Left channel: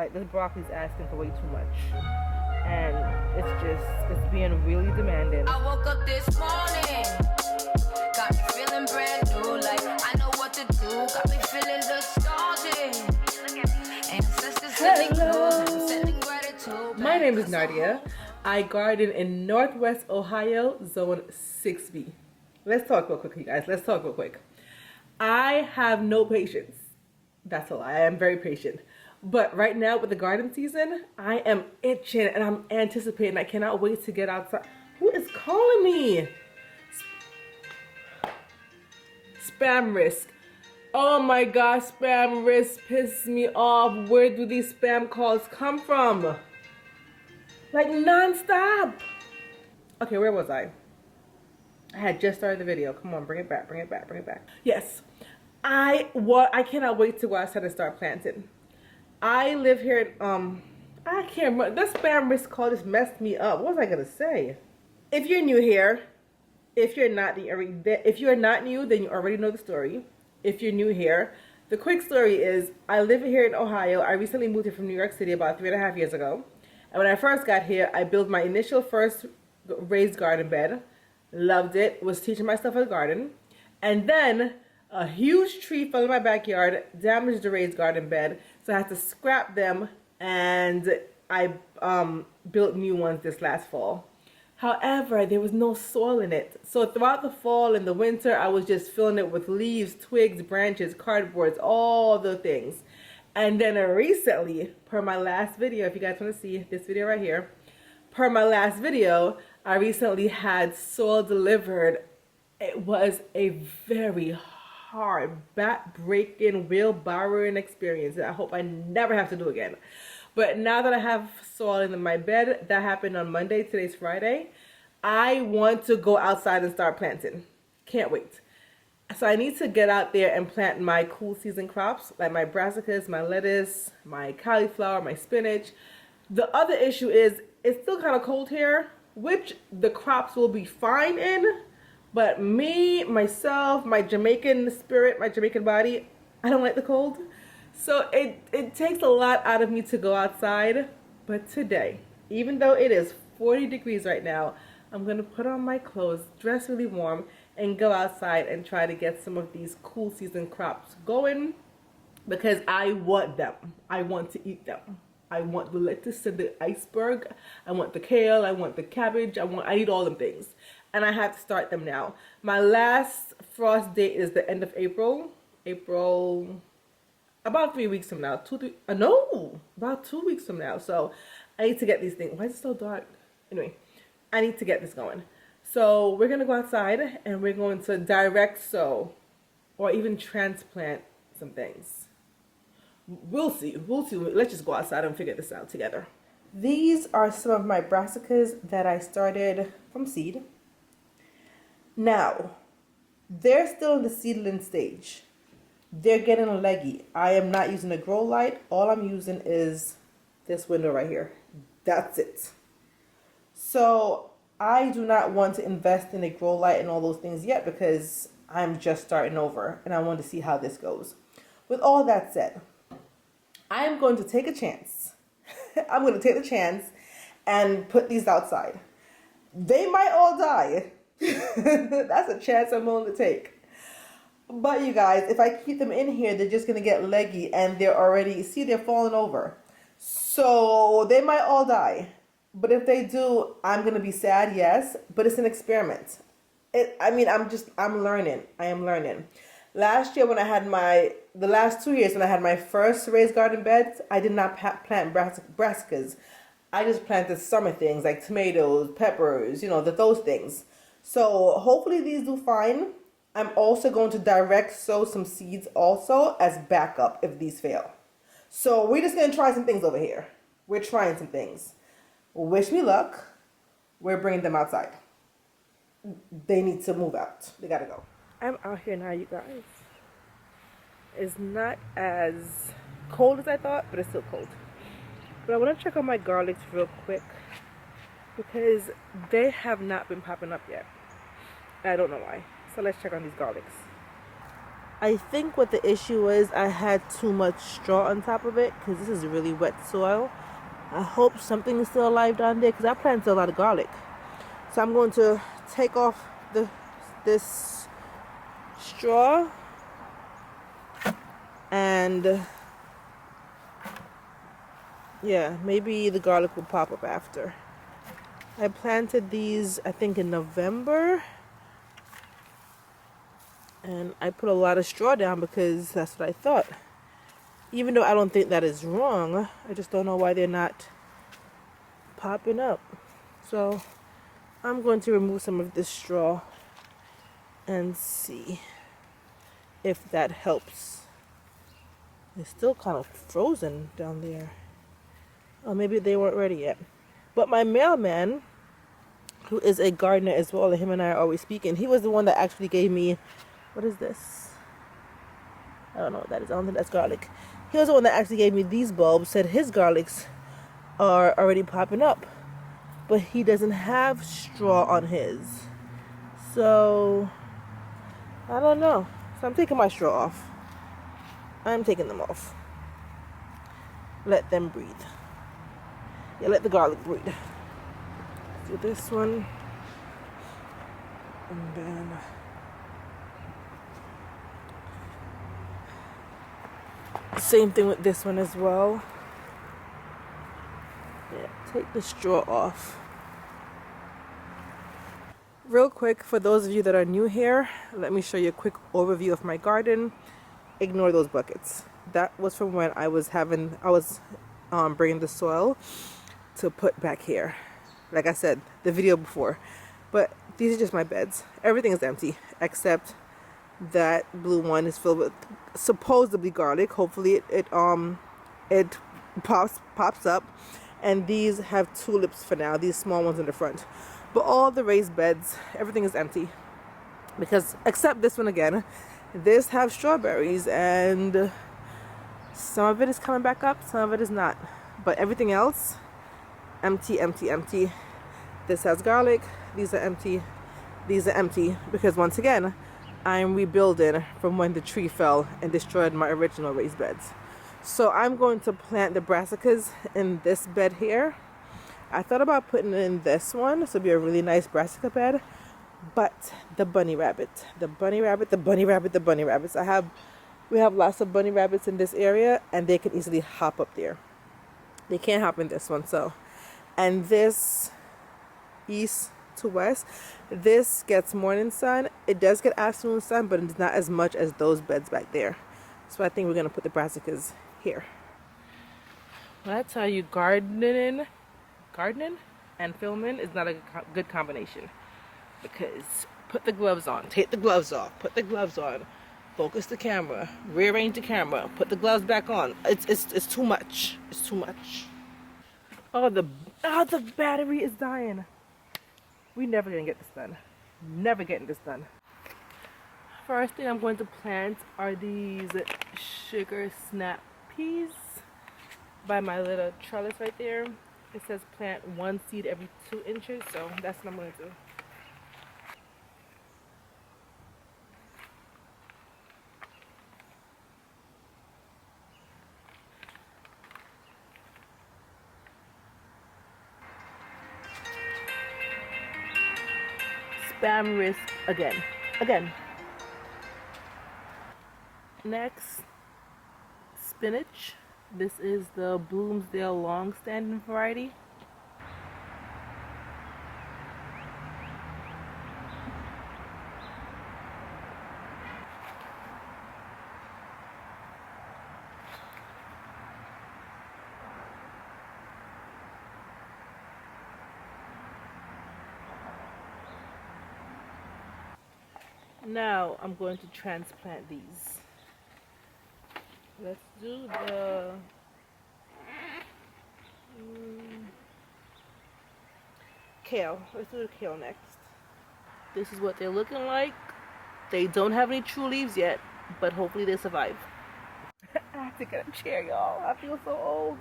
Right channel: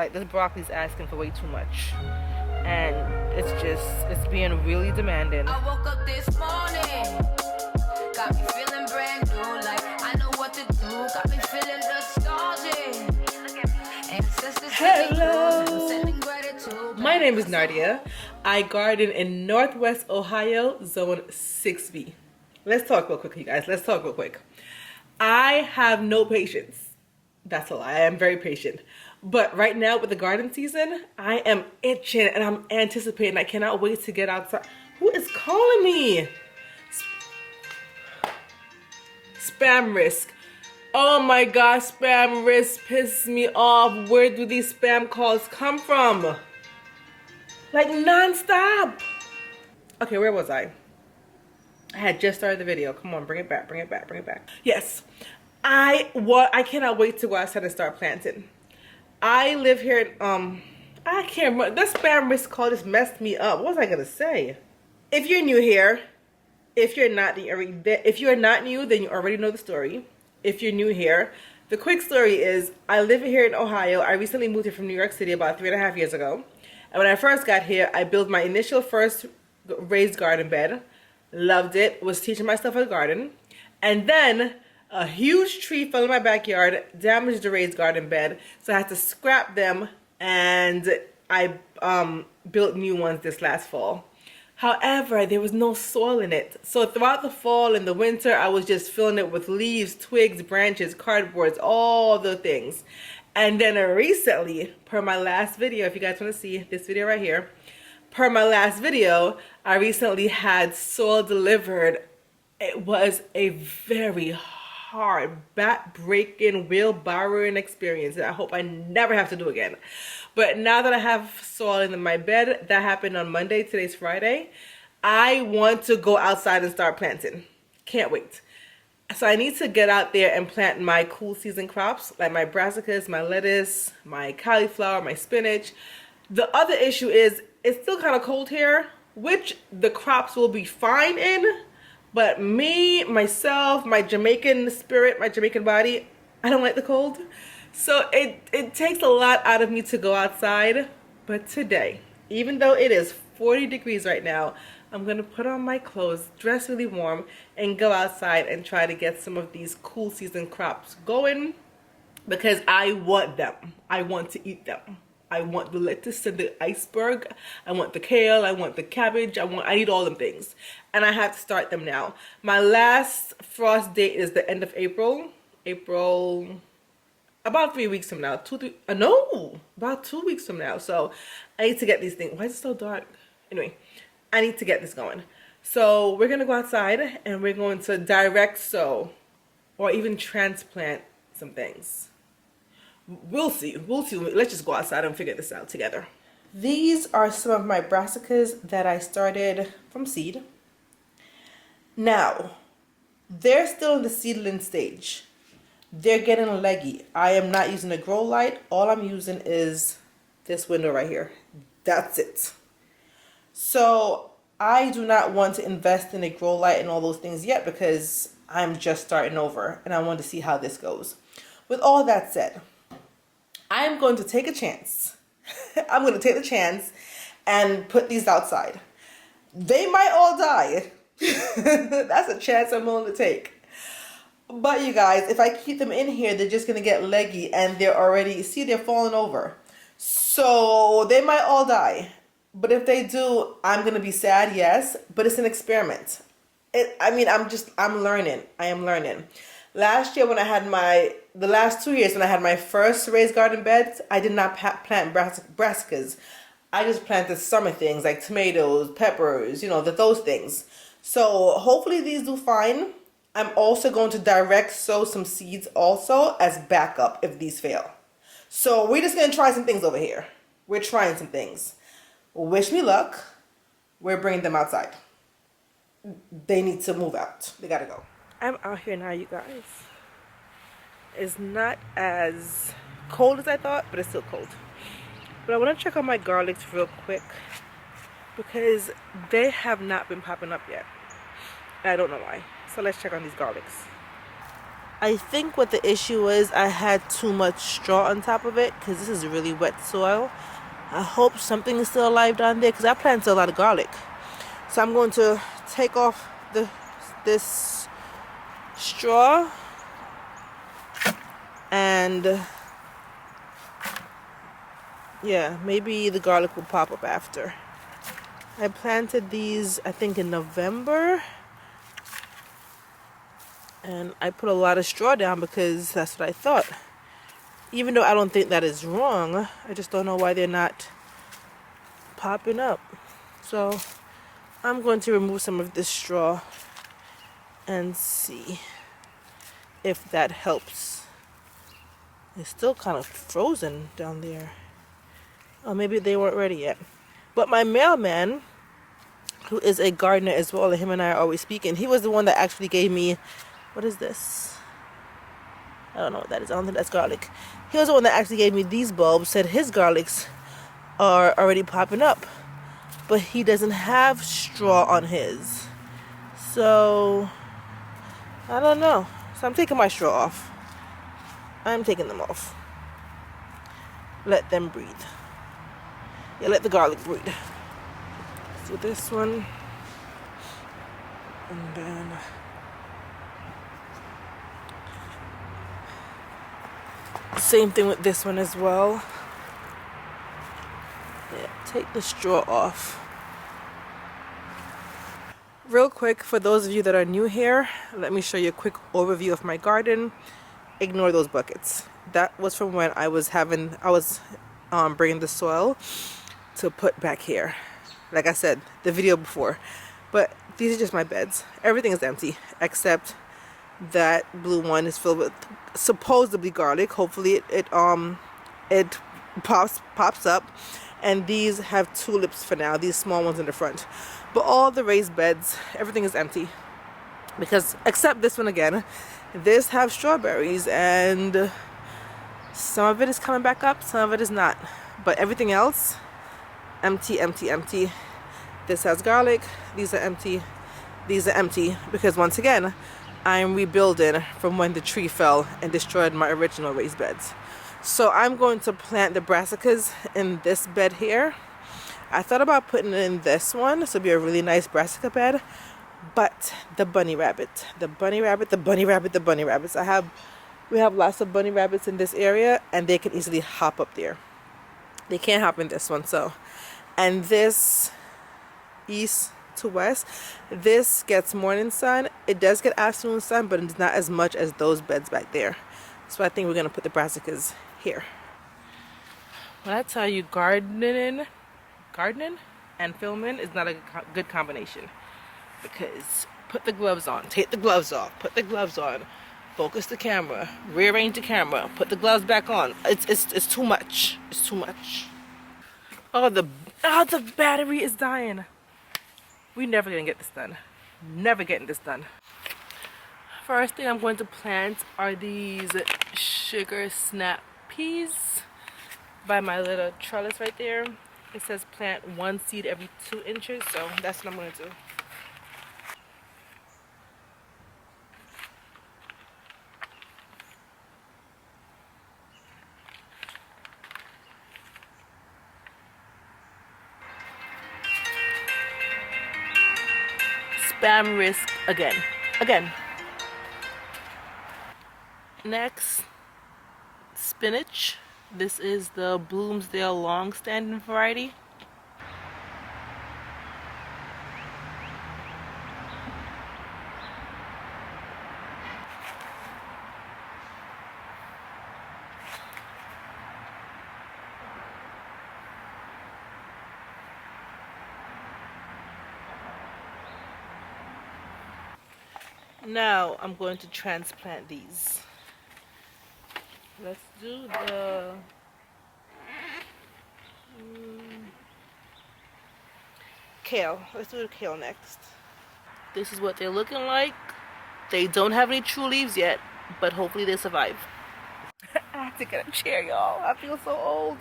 Like, this broccoli's asking for way too much, and it's being really demanding. I woke up this morning, got me feeling brand new, like I know what to do, got me feeling nostalgic. Hello. My name is Nardia. I garden in Northwest Ohio, Zone 6B. Let's talk real quick, you guys. Let's talk real quick. I have no patience. That's a lie. I am very patient. But right now with the garden season, I am itching and I'm anticipating. I cannot wait to get outside. Who is calling me? Spam risk. Oh my gosh, spam risk pisses me off. Where do these spam calls come from? Like non-stop. Okay, where was I? I had just started the video. Come on, bring it back, bring it back, bring it back. Yes, I cannot wait to go outside and start planting. I live here in, I can't remember. That spam risk call just messed me up. What was I gonna say? If you're new here, if you're not new, then you already know the story. If you're new here, the quick story is I live here in Ohio. I recently moved here from New York City about 3.5 years ago. And when I first got here, I built my initial first raised garden bed. Loved it. Was teaching myself how to garden. And then a huge tree fell in my backyard, damaged the raised garden bed, so I had to scrap them, and I built new ones this last fall. However, there was no soil in it. So throughout the fall and the winter, I was just filling it with leaves, twigs, branches, cardboards, all the things. And then recently, per my last video, if you guys want to see this video right here, per my last video, I recently had soil delivered. It was a very hard, back-breaking, wheelbarrowing experience that I hope I never have to do again. But now that I have soil in my bed, that happened on Monday, today's Friday, I want to go outside and start planting. Can't wait. So I need to get out there and plant my cool season crops, like my brassicas, my lettuce, my cauliflower, my spinach. The other issue is it's still kind of cold here, which the crops will be fine in. But me, myself, my Jamaican spirit, my Jamaican body, I don't like the cold. So it takes a lot out of me to go outside. But today, even though it is 40 degrees right now, I'm going to put on my clothes, dress really warm, and go outside and try to get some of these cool season crops going. Because I want them. I want to eat them. I want the lettuce and the iceberg. I want the kale. I want the cabbage. I need all them things. And I have to start them now. My last frost date is the end of April. About 3 weeks from now. About 2 weeks from now. So I need to get these things. Why is it so dark? Anyway, I need to get this going. So we're going to go outside and we're going to direct sow or even transplant some things. We'll see. Let's just go outside and figure this out together. These are some of my brassicas that I started from seed. Now, they're still in the seedling stage. They're getting leggy. I am not using a grow light. All I'm using is this window right here. That's it. So I do not want to invest in a grow light and all those things yet because I'm just starting over and I want to see how this goes. With all that said, I'm going to take a chance. I'm going to take the chance and put these outside. They might all die. That's a chance I'm willing to take. But you guys, if I keep them in here, they're just going to get leggy and they're already, see, they're falling over. So they might all die. But if they do, I'm going to be sad, yes. But it's an experiment. I'm learning. I am learning. Last year when I had the last 2 years when I had my first raised garden beds, I did not plant brassicas. I just planted summer things like tomatoes, peppers, those things. So hopefully these do fine. I'm also going to direct sow some seeds also as backup if these fail. So we're just going to try some things over here. We're trying some things. Wish me luck. We're bringing them outside. They need to move out. They got to go. I'm out here now, you guys. It's not as cold as I thought, but it's still cold. But I want to check on my garlics real quick because they have not been popping up yet. I don't know why. So let's check on these garlics. I think what the issue is, I had too much straw on top of it because this is really wet soil. I hope something is still alive down there because I planted a lot of garlic. So I'm going to take off this straw and yeah, maybe the garlic will pop up after. I planted these, I think, in November. And I put a lot of straw down because that's what I thought. Even though I don't think that is wrong, I just don't know why they're not popping up. So I'm going to remove some of this straw and see if that helps. It's still kind of frozen down there. Oh, maybe they weren't ready yet. But my mailman, who is a gardener as well, and him and I are always speaking, he was the one that actually gave me, what is this? I don't know what that is. I don't think that's garlic. He was the one that actually gave me these bulbs, said his garlics are already popping up. But he doesn't have straw on his. So, I don't know. So I'm taking my straw off. I'm taking them off. Let them breathe. Yeah, let the garlic breathe. So this one. And then same thing with this one as well. Yeah, take the straw off. Real quick, for those of you that are new here, let me show you a quick overview of my garden. Ignore those buckets. That was from when I was bringing the soil to put back here. Like I said, the video before. But these are just my beds. Everything is empty except that blue one is filled with supposedly garlic. Hopefully it pops up. And these have tulips for now, these small ones in the front. But all the raised beds, everything is empty. Because, except this one again, this have strawberries and some of it is coming back up, some of it is not. But everything else, empty, empty, empty. This has garlic, these are empty, these are empty. Because once again, I'm rebuilding from when the tree fell and destroyed my original raised beds. So I'm going to plant the brassicas in this bed here. I thought about putting it in this one. This would be a really nice brassica bed. But the bunny rabbit, the bunny rabbit, the bunny rabbit, the bunny rabbits. We have lots of bunny rabbits in this area and they can easily hop up there. They can't hop in this one, so. And this east to west, this gets morning sun. It does get afternoon sun, but it's not as much as those beds back there. So I think we're gonna put the brassicas here. When I tell you gardening and filming is not a good combination, because put the gloves on, take the gloves off, put the gloves on, focus the camera, rearrange the camera, put the gloves back on. It's too much. It's too much. Oh, the battery is dying. We're never gonna get this done. Never getting this done. First thing I'm going to plant are these sugar snap peas by my little trellis right there. It says plant 1 seed every 2 inches, so that's what I'm going to do. Spam risk again. Next, spinach. This is the Bloomsdale long-standing variety. Now I'm going to transplant these. Let's do the kale. Let's do the kale next. This is what they're looking like. They don't have any true leaves yet, but hopefully they survive. I have to get a chair, y'all. I feel so old.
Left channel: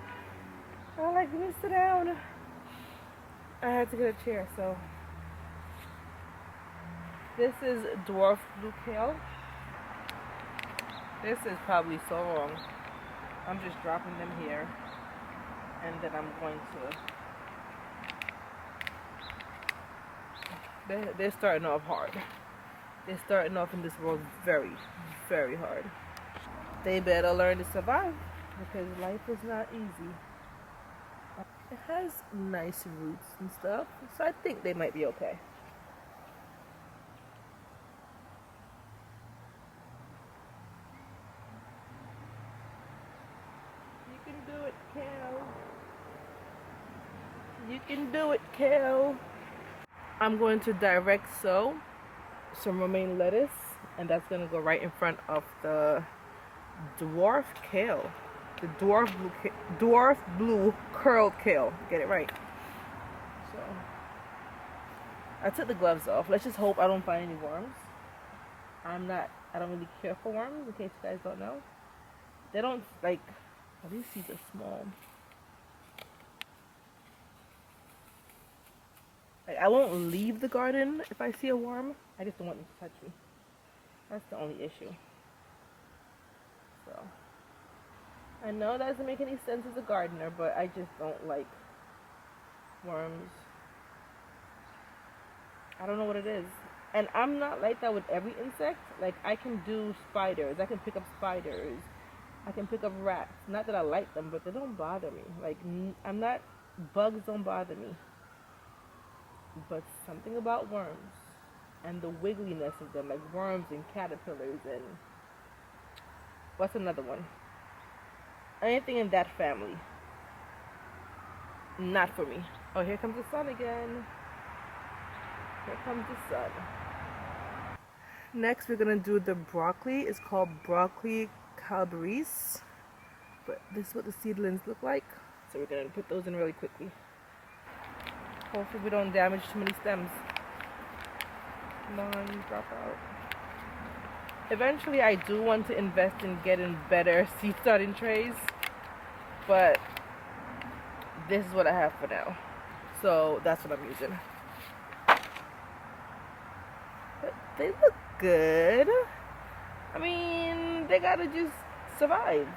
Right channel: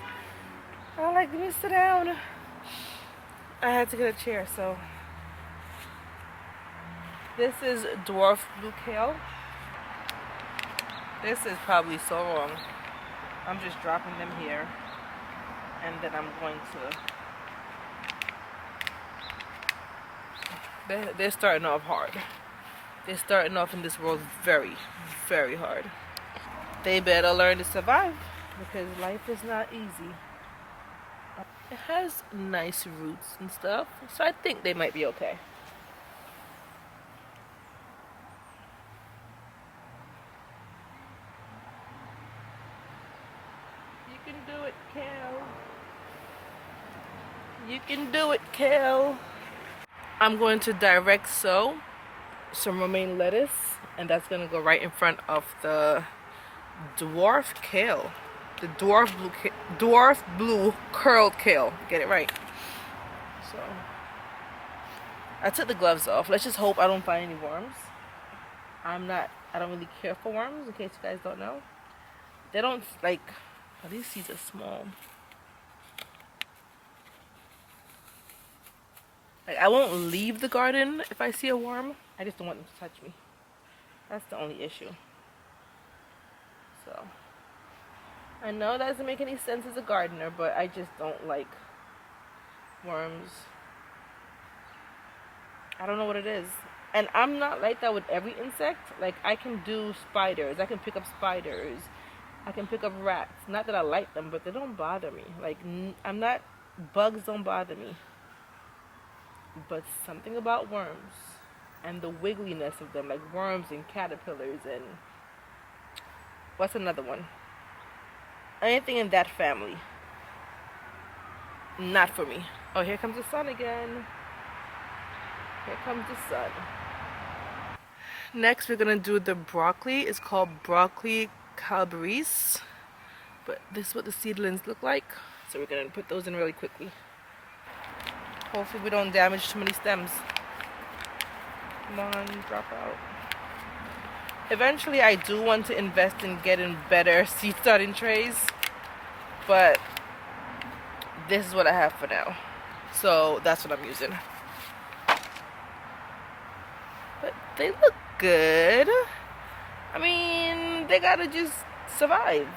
I don't like to sit down. I had to get a chair, so. This is dwarf blue kale. This is probably so wrong. I'm just dropping them here, and then I'm going to. They're starting off hard. They're starting off in this world very, very hard. They better learn to survive because life is not easy. It has nice roots and stuff, so I think they might be okay. You can do it, Cal. You can do it, Cal. I'm going to direct sow some romaine lettuce, and that's going to go right in front of the dwarf kale. The dwarf blue curled kale. Get it right. So I took the gloves off. Let's just hope I don't find any worms. I don't really care for worms, in case you guys don't know. They don't like, oh, these seeds are small. Like, I won't leave the garden if I see a worm. I just don't want them to touch me. That's the only issue. So I know that doesn't make any sense as a gardener, but I just don't like worms. I don't know what it is. And I'm not like that with every insect. Like, I can do spiders. I can pick up spiders. I can pick up rats. Not that I like them, but they don't bother me. Like, bugs don't bother me. But something about worms and the wiggliness of them, like worms and caterpillars and what's another one? Anything in that family. Not for me. Oh, here comes the sun again. Here comes the sun. Next, we're gonna do the broccoli. It's called broccoli calabrese, but this is what the seedlings look like. So we're gonna put those in really quickly. Hopefully we don't damage too many stems. Come on, drop out. Eventually I do want to invest in getting better seed starting trays, but this is what I have for now. So that's what I'm using. But they look good. I mean, they gotta just survive.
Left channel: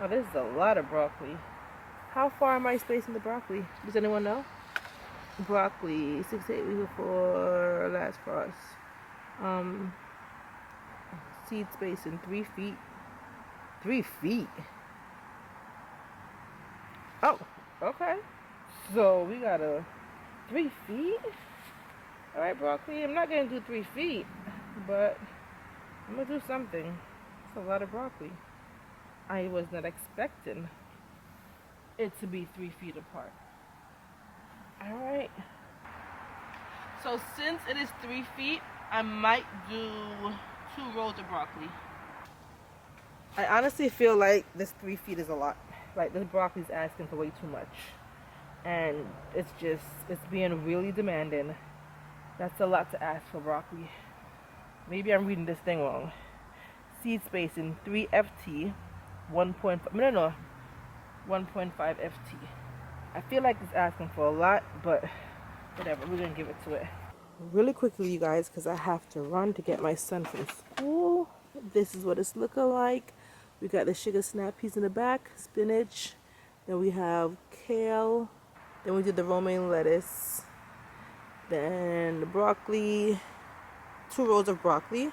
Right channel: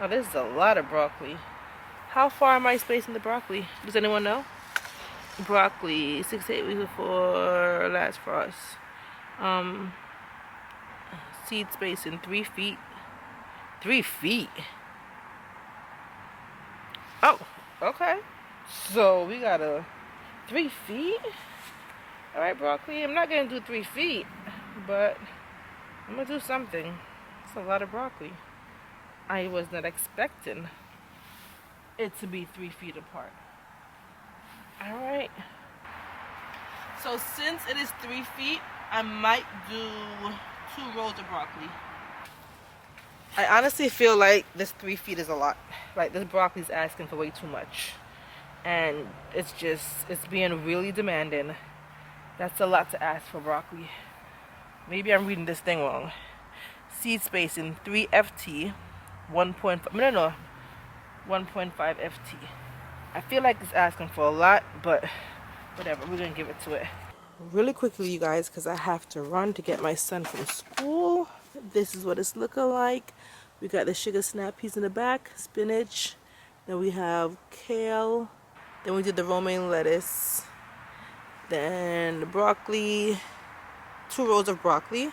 Oh, this is a lot of broccoli. How far am I spacing the broccoli? Does anyone know? Broccoli, 6 to 8 weeks before last frost. Seed spacing 3 feet. 3 feet? Oh, okay. So we got a 3 feet? Alright, broccoli. I'm not gonna do 3 feet, but I'm gonna do something. It's a lot of broccoli. I was not expecting it to be 3 feet apart. Alright. So since it is 3 feet, I might do 2 rows of broccoli. I honestly feel like this 3 feet is a lot. Like, this broccoli is asking for way too much. And it's being really demanding. That's a lot to ask for broccoli. Maybe I'm reading this thing wrong. Seed spacing 3 FT, 1.5, no, 1.5 FT. I feel like it's asking for a lot, but whatever, we're gonna give it to it. Really quickly, you guys, because I have to run to get my son from school. This is what it's looking like. We got the sugar snap peas in the back, spinach, then we have kale, then we did the romaine lettuce, then the broccoli, 2 rows of broccoli,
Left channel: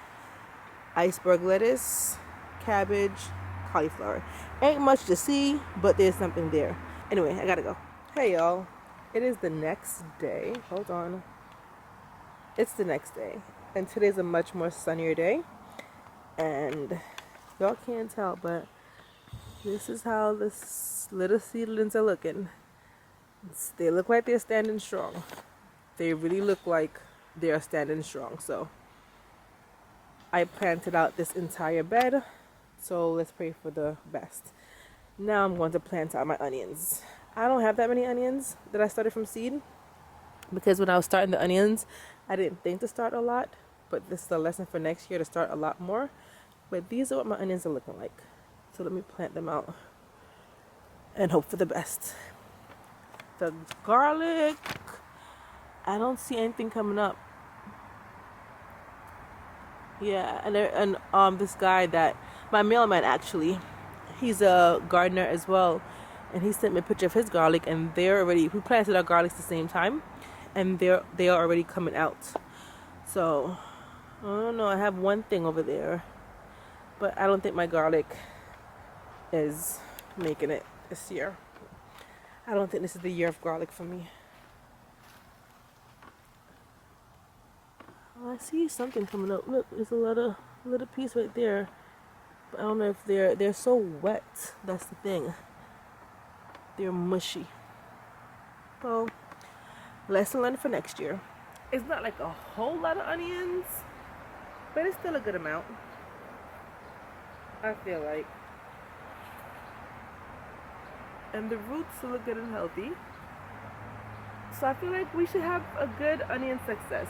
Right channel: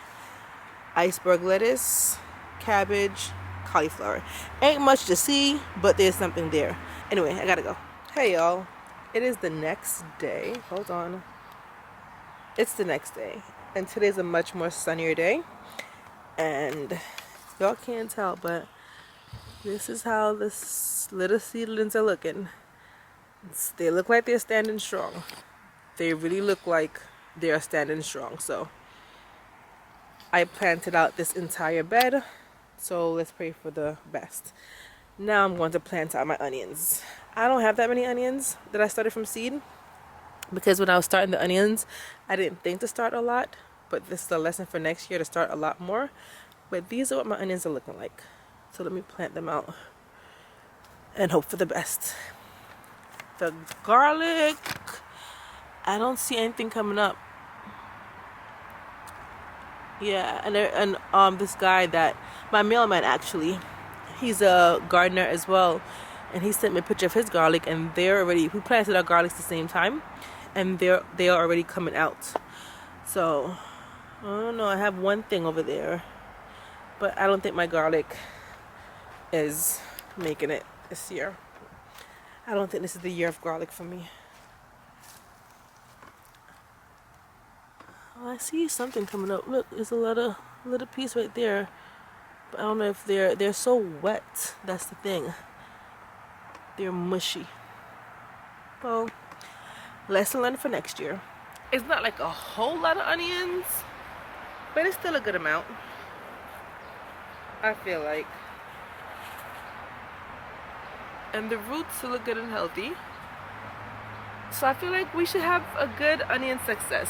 iceberg lettuce, cabbage, cauliflower. Ain't much to see, but there's something there. Anyway, I gotta go. Hey y'all, it is the next day. Hold on. It's the next day, and today's a much more sunnier day, and y'all can't tell, but this is how this little seedlings are looking. They look like they're standing strong. They really look like they are standing strong. So I planted out this entire bed, so let's pray for the best. Now I'm going to plant out my onions. I don't have that many onions that I started from seed, because when I was starting the onions, I didn't think to start a lot, but this is a lesson for next year to start a lot more. But these are what my onions are looking like. So let me plant them out and hope for the best. The garlic, I don't see anything coming up. Yeah, and this guy that my mailman actually, he's a gardener as well, and he sent me a picture of his garlic, and they're already we planted our garlics the same time, and they are already coming out. So I don't know. I have one thing over there, but I don't think my garlic is making it this year. I don't think this is the year of garlic for me. Oh, I see something coming up. Look, there's a little piece right there. But I don't know if they're so wet. That's the thing. They're mushy. Well, lesson learned for next year. It's not like a whole lot of onions, but it's still a good amount. I feel like. And the roots look good and healthy. So I feel like we should have a good onion success.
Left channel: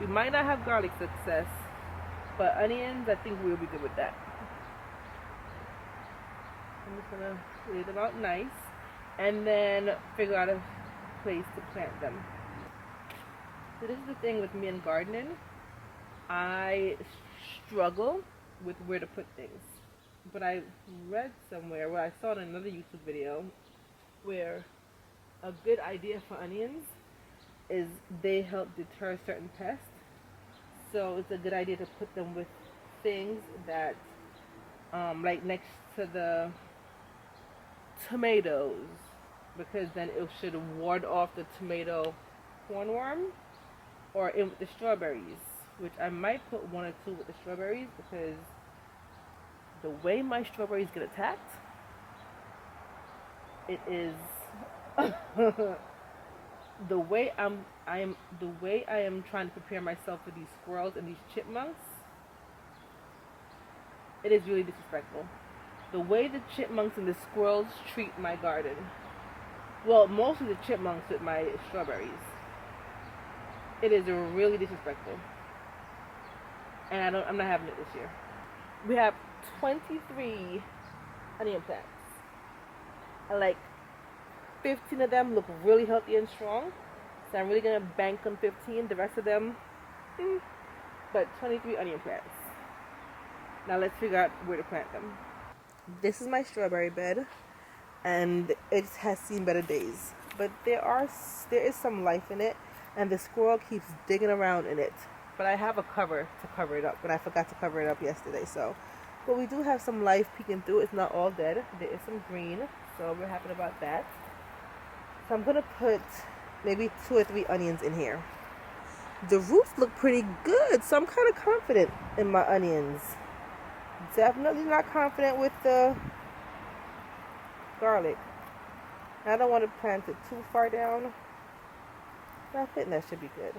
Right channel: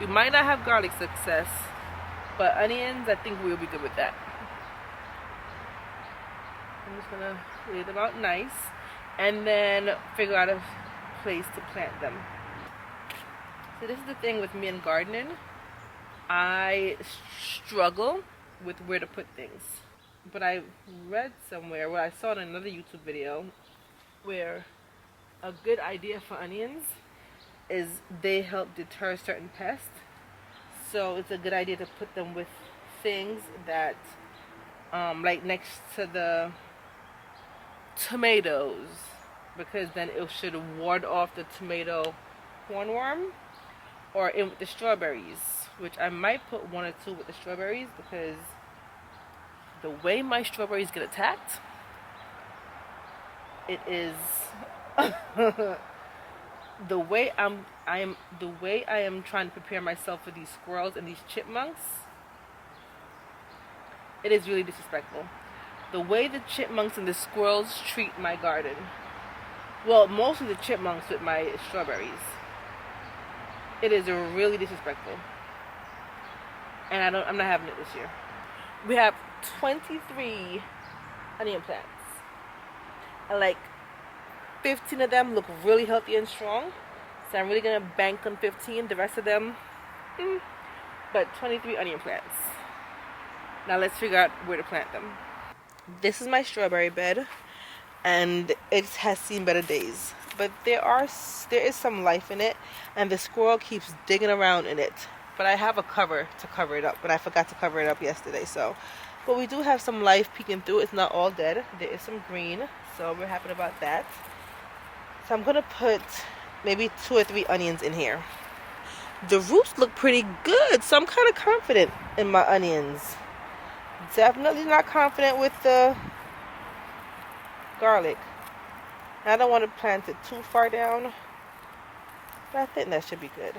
We might not have garlic success, but onions, I think we'll be good with that. I'm just gonna lay them out nice and then figure out a place to plant them. So this is the thing with me and gardening. I struggle with where to put things. But I read somewhere, I saw in another YouTube video, where a good idea for onions is they help deter certain pests. So it's a good idea to put them with things that, like next to the tomatoes, because then it should ward off the tomato hornworm, or in with the strawberries, which I might put one or two with the strawberries, because the way my strawberries get attacked, it is the way I am trying to prepare myself for these squirrels and these chipmunks. It is really disrespectful. The way the chipmunks and the squirrels treat my garden. Well, mostly the chipmunks with my strawberries. It is really disrespectful. And I'm not having it this year. We have 23 onion plants. And like 15 of them look really healthy and strong. So I'm really gonna bank on 15. The rest of them, but 23 onion plants. Now let's figure out where to plant them. This is my strawberry bed, and it has seen better days. But there is some life in it, and the squirrel keeps digging around in it. But I have a cover to cover it up, but I forgot to cover it up yesterday. So, but we do have some life peeking through. It's not all dead. There is some green, so we're happy about that. So I'm gonna put maybe 2 or 3 onions in here. The roots look pretty good, so I'm kind of confident in my onions. Definitely not confident with the garlic. I don't want to plant it too far down, but I think that should be good.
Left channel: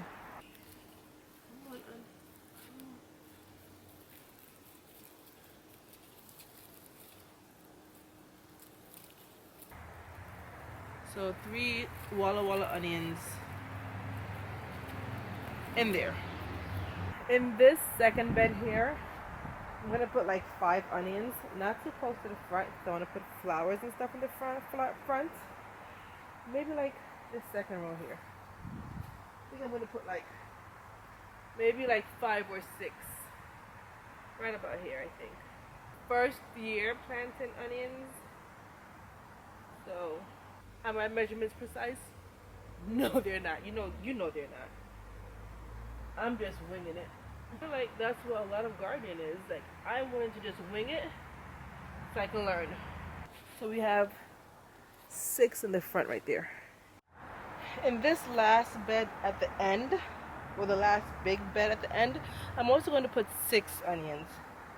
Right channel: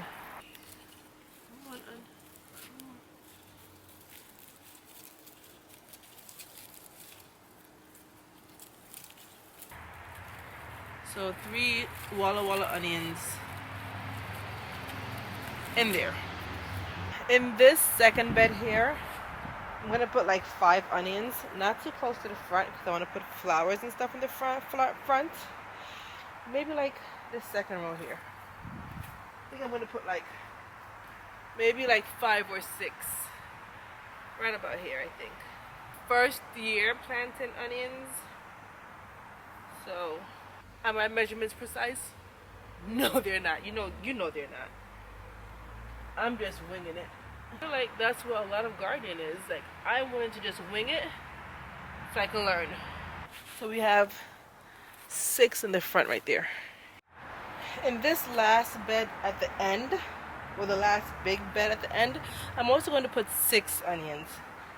So 3 Walla Walla onions in there. In this second bed here, I'm gonna put like 5 onions, not too close to the front, because I want to put flowers and stuff in the front. Maybe like this second row here. I think I'm gonna put like maybe like 5 or 6, right about here. I think. First year planting onions, so are my measurements precise? No, they're not. You know they're not. I'm just winging it. I feel like that's what a lot of gardening is. Like, I wanted to just wing it so I can learn. So we have 6 in the front right there. In this last bed at the end, or the last big bed at the end, I'm also going to put 6 onions.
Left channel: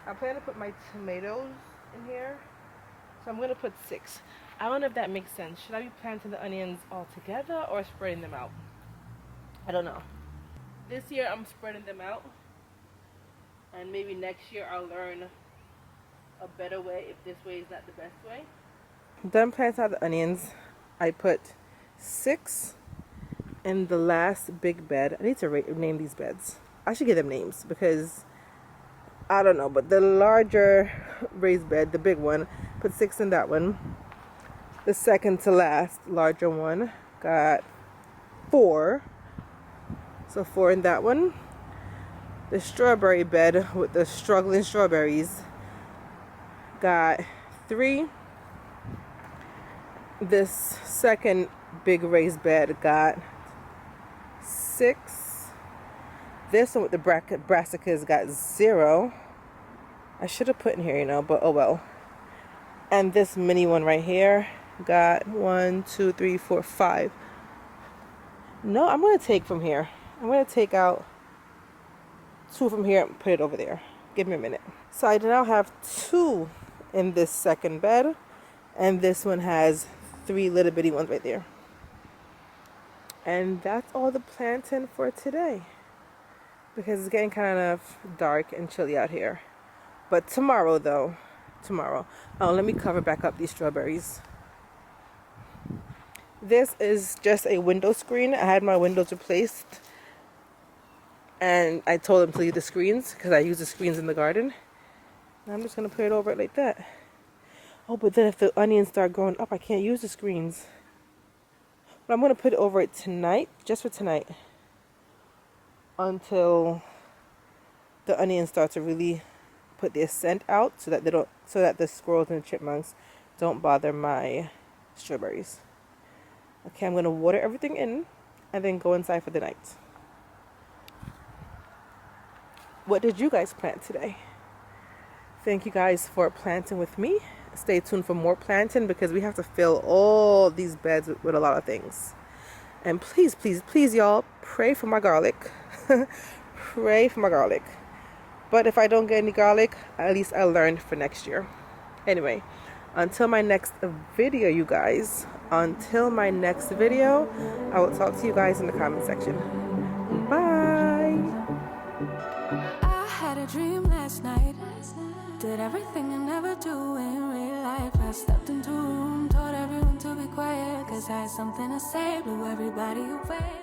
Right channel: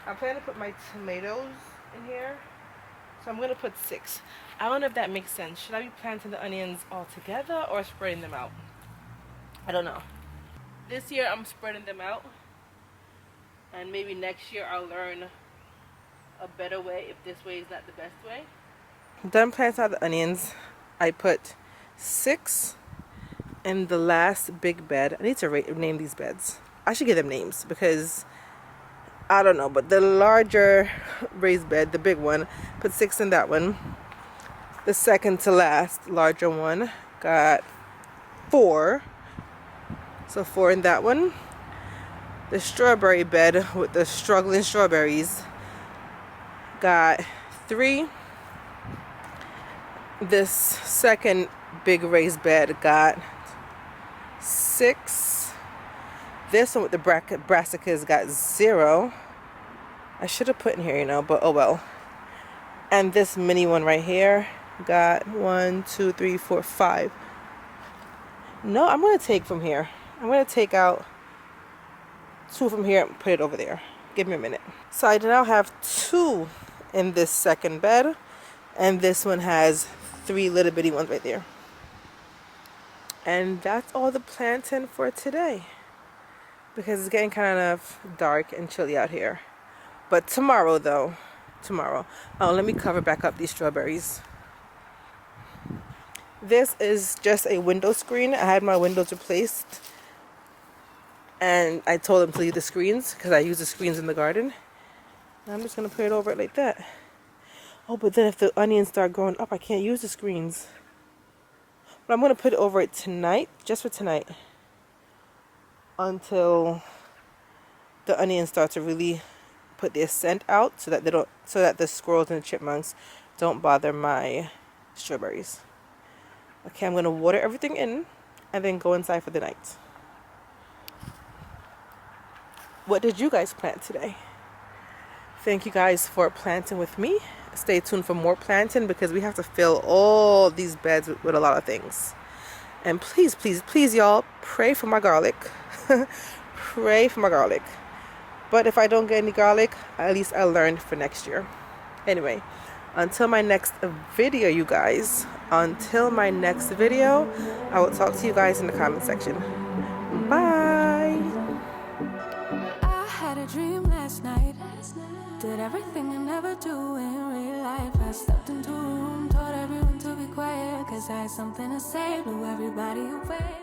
I'm planning to put my tomatoes in here, so I'm going to put 6. I don't know if that makes sense. Should I be planting the onions all together or spreading them out? I don't know. This year I'm spreading them out, and maybe next year I'll learn a better way if this way is not the best way. Done planting out the onions. I put 6 in the last big bed. I need to name these beds. I should give them names because I don't know, but the larger raised bed, the big one, put 6 in that one. The second to last larger one got 4. So 4 in that one. The strawberry bed with the struggling strawberries got 3. This second big raised bed got 6. This one with the brassicas got 0. I should have put in here, you know, but oh well. And this mini one right here got 1, 2, 3, 4, 5. No, I'm going to take from here. I'm going to take out 2 from here and put it over there. Give me a minute. So I now have 2 in this second bed. And this one has 3 little bitty ones right there. And that's all the planting for today. Because it's getting kind of dark and chilly out here. But tomorrow though, oh, let me cover back up these strawberries. This is just a window screen. I had my windows replaced. And I told them to leave the screens because I use the screens in the garden. And I'm just going to put it over it like that. Oh, but then if the onions start growing up, I can't use the screens. But I'm going to put it over it tonight, just for tonight. Until the onions start to really put their scent out so that the squirrels and the chipmunks don't bother my strawberries. Okay, I'm going to water everything in and then go inside for the night. What did you guys plant today? Thank you guys for planting with me. Stay tuned for more planting because we have to fill all these beds with a lot of things. And please, please, please, y'all, pray for my garlic. Pray for my garlic. But if I don't get any garlic, at least I learned for next year. Anyway, until my next video, you guys. Until my next video, I will talk to you guys in the comment section. Bye. I had a dream last night. Did everything I never do in real life. I stepped into a room, told everyone to be quiet, 'cause I had something to say, blew everybody away.